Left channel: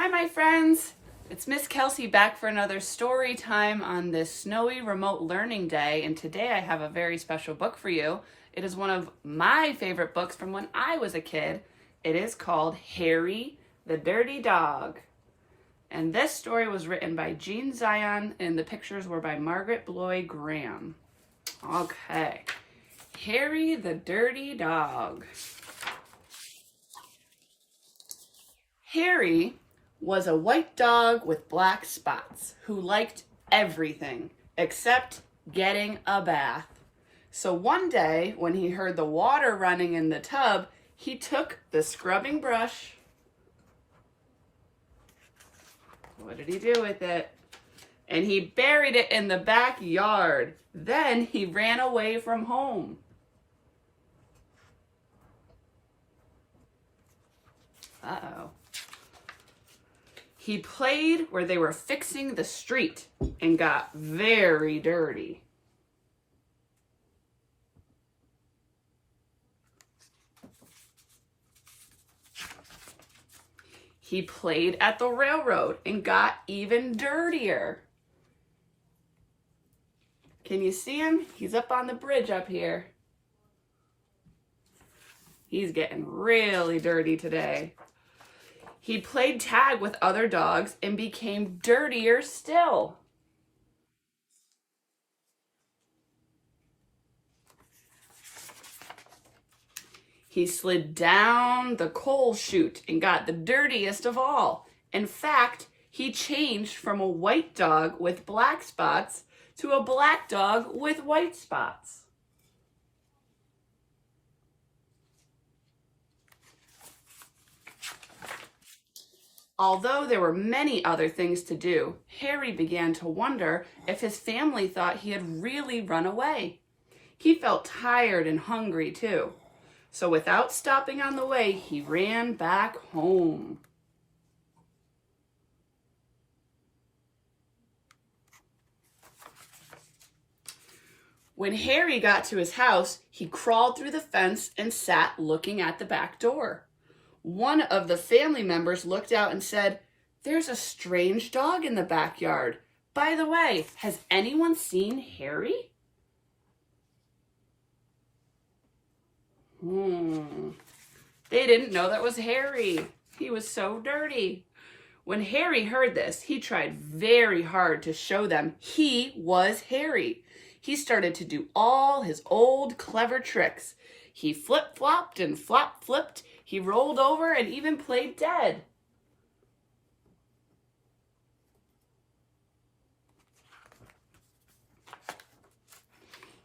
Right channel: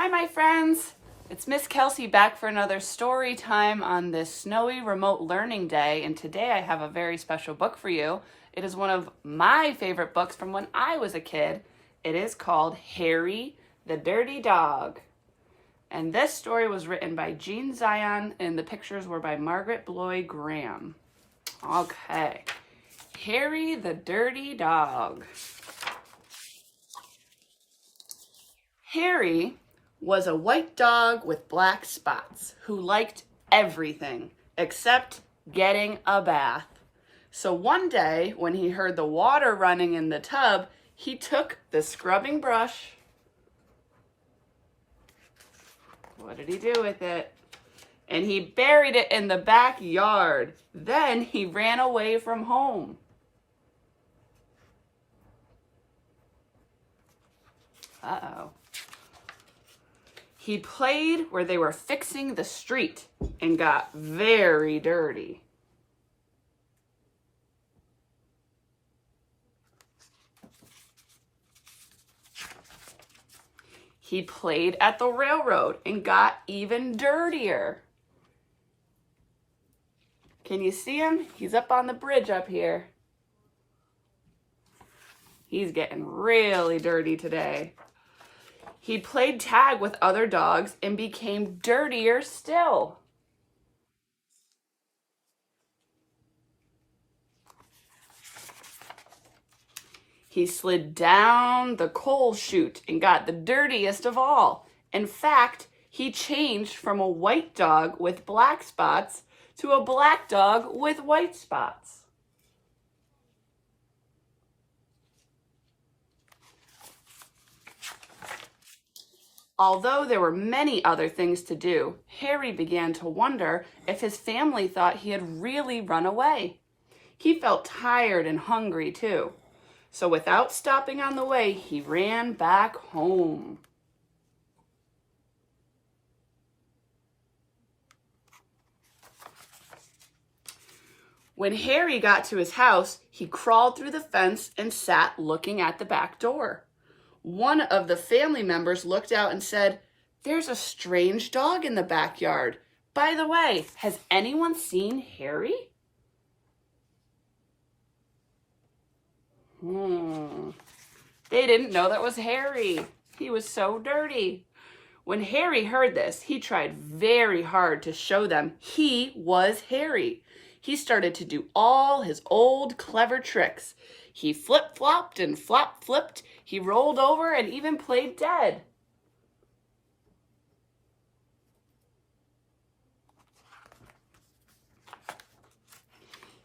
Hi, my friends. It's Miss Kelsey back for another story time on this snowy remote learning day. And today I have a very special book for you. It is one of my favorite books from when I was a kid. It is called Harry the Dirty Dog. And this story was written by Jean Zion and the pictures were by Margaret Bloy Graham. Okay. Harry the Dirty Dog. Harry was a white dog with black spots who liked everything except getting a bath. So one day when he heard the water running in the tub, he took the scrubbing brush. What did he do with it? And he buried it in the backyard. Then he ran away from home. Uh-oh. He played where they were fixing the street and got very dirty. He played at the railroad and got even dirtier. Can you see him? He's up on the bridge up here. He's getting really dirty today. He played tag with other dogs and became dirtier still. He slid down the coal chute and got the dirtiest of all. In fact, he changed from a white dog with black spots to a black dog with white spots. Although there were many other things to do, Harry began to wonder if his family thought he had really run away. He felt tired and hungry too. So without stopping on the way, he ran back home. When Harry got to his house, he crawled through the fence and sat looking at the back door. One of the family members looked out and said, "There's a strange dog in the backyard. By the way, has anyone seen Harry?" They didn't know that was Harry. He was so dirty. When Harry heard this, he tried very hard to show them he was Harry. He started to do all his old clever tricks. He flip-flopped and flop-flipped. He rolled over and even played dead.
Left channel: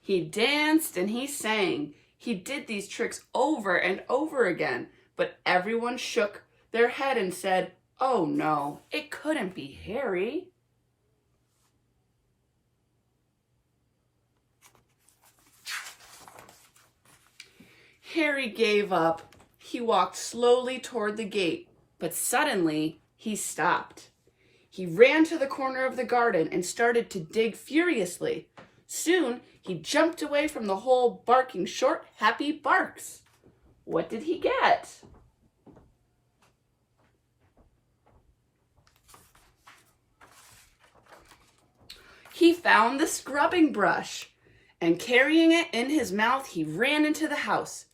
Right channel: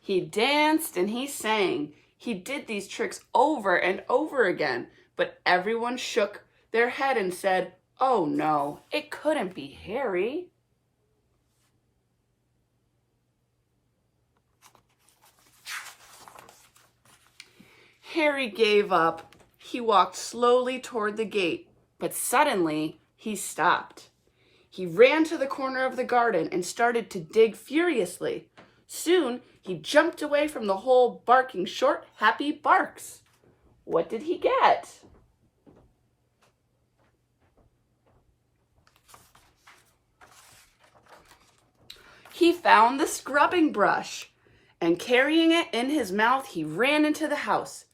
He danced and he sang. He did these tricks over and over again, but everyone shook their head and said, "Oh no, it couldn't be Harry." Harry gave up. He walked slowly toward the gate, but suddenly he stopped. He ran to the corner of the garden and started to dig furiously. Soon, he jumped away from the hole, barking short, happy barks. What did he get? He found the scrubbing brush, and carrying it in his mouth, he ran into the house.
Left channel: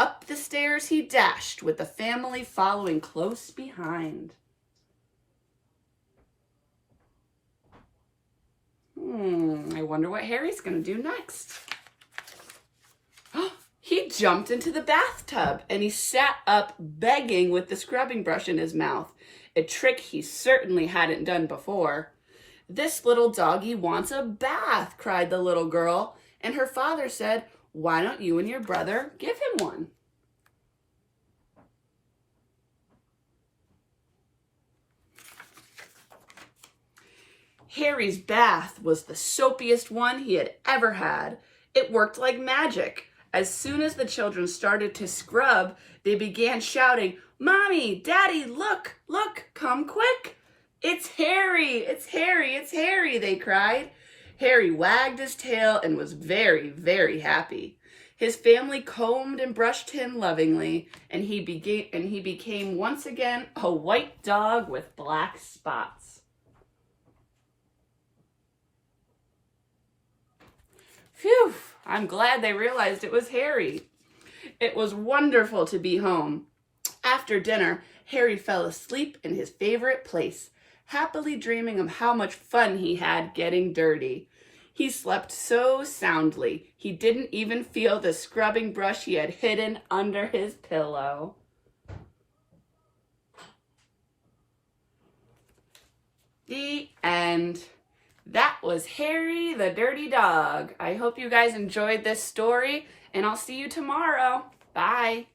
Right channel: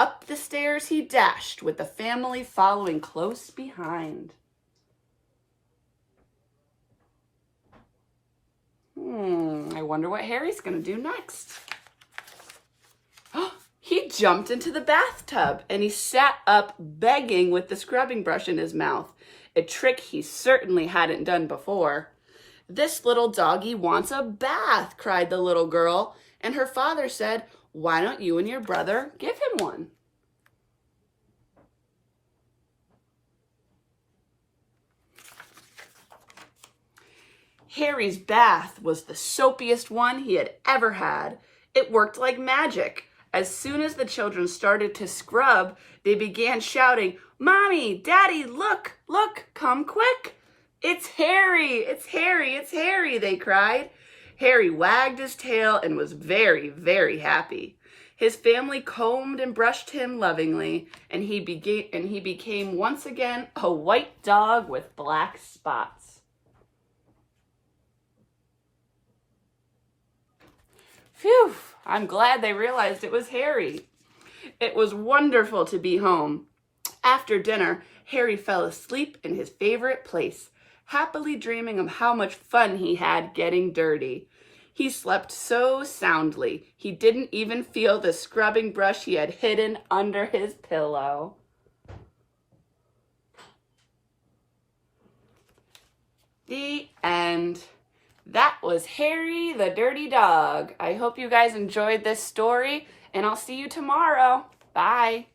Up the stairs he dashed, with the family following close behind. I wonder what Harry's going to do next. He jumped into the bathtub and he sat up begging with the scrubbing brush in his mouth, a trick he certainly hadn't done before. "This little doggy wants a bath," cried the little girl, and her father said, "Why don't you and your brother give him one?" Harry's bath was the soapiest one he had ever had. It worked like magic. As soon as the children started to scrub, they began shouting, "Mommy, Daddy, look, look, come quick. It's Harry, it's Harry, it's Harry," they cried. Harry wagged his tail and was very, very happy. His family combed and brushed him lovingly, and he became once again a white dog with black spots. Phew, I'm glad they realized it was Harry. It was wonderful to be home. After dinner, Harry fell asleep in his favorite place, happily dreaming of how much fun he had getting dirty. He slept so soundly, he didn't even feel the scrubbing brush he had hidden under his pillow. The end. That was Harry the Dirty Dog. I hope you guys enjoyed this story, and I'll see you tomorrow. Bye.